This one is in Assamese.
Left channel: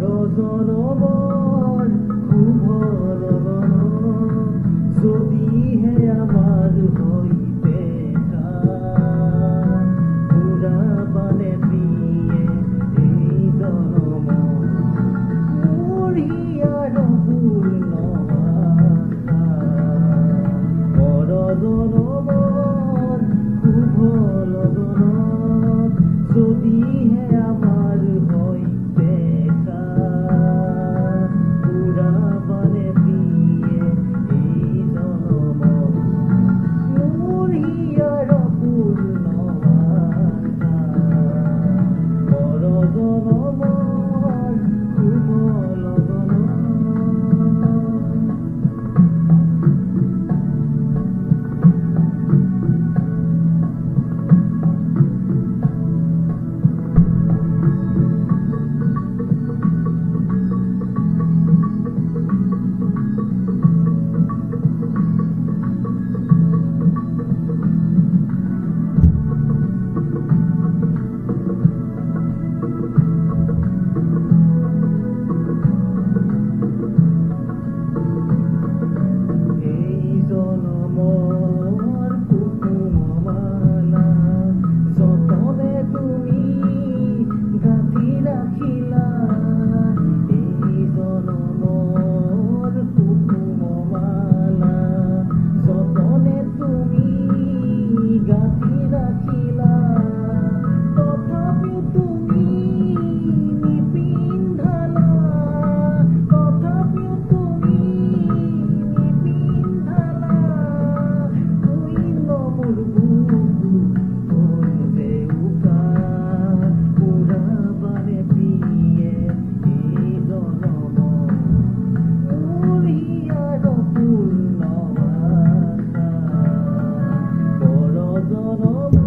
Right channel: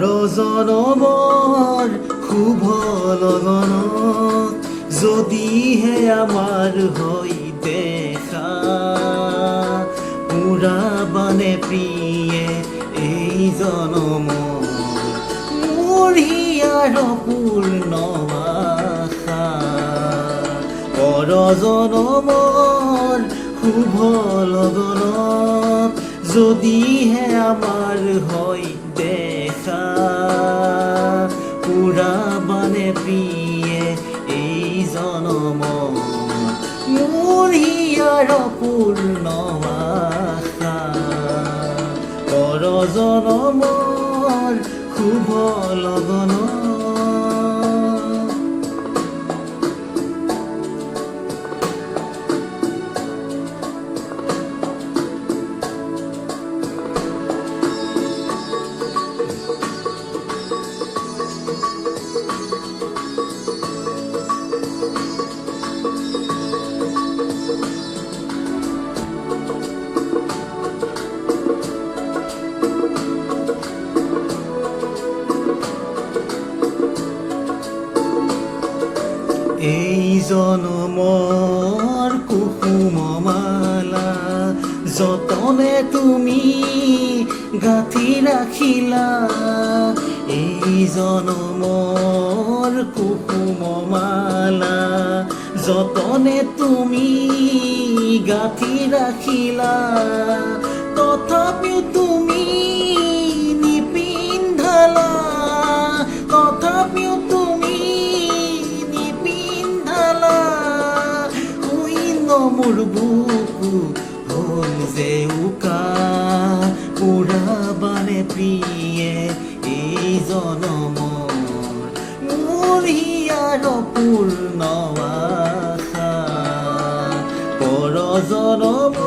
জনমৰ শুভ লগনত যদিহে আমাৰ হৈতে পুৰাবানে প্ৰিয়ে এই জনম মোৰ হিয়াৰ পূৰ্ণ আশা জনমৰ শুভ লগনত যদিহে আমাৰ হৈতে পুৰাবানে প্ৰিয়ে এই জনম মোৰ হিয়াৰ পূৰ্ণ আশা জনমৰ শুভ লগনত জনমৰ কুসুম মালা যতনে তুমি গাঁঠি ৰাখিলা এই জনমৰ কুসুম মালা যতনে তুমি গাঁঠি ৰাখিলা তথাপিও তুমি নিপিন্ধালা তথাপিও মোৰ বুকু হ'ল যে উকা পুৰাবানে প্ৰিয়ে এই জনম মোৰ হিয়াৰ পূৰ্ণ আশা জনম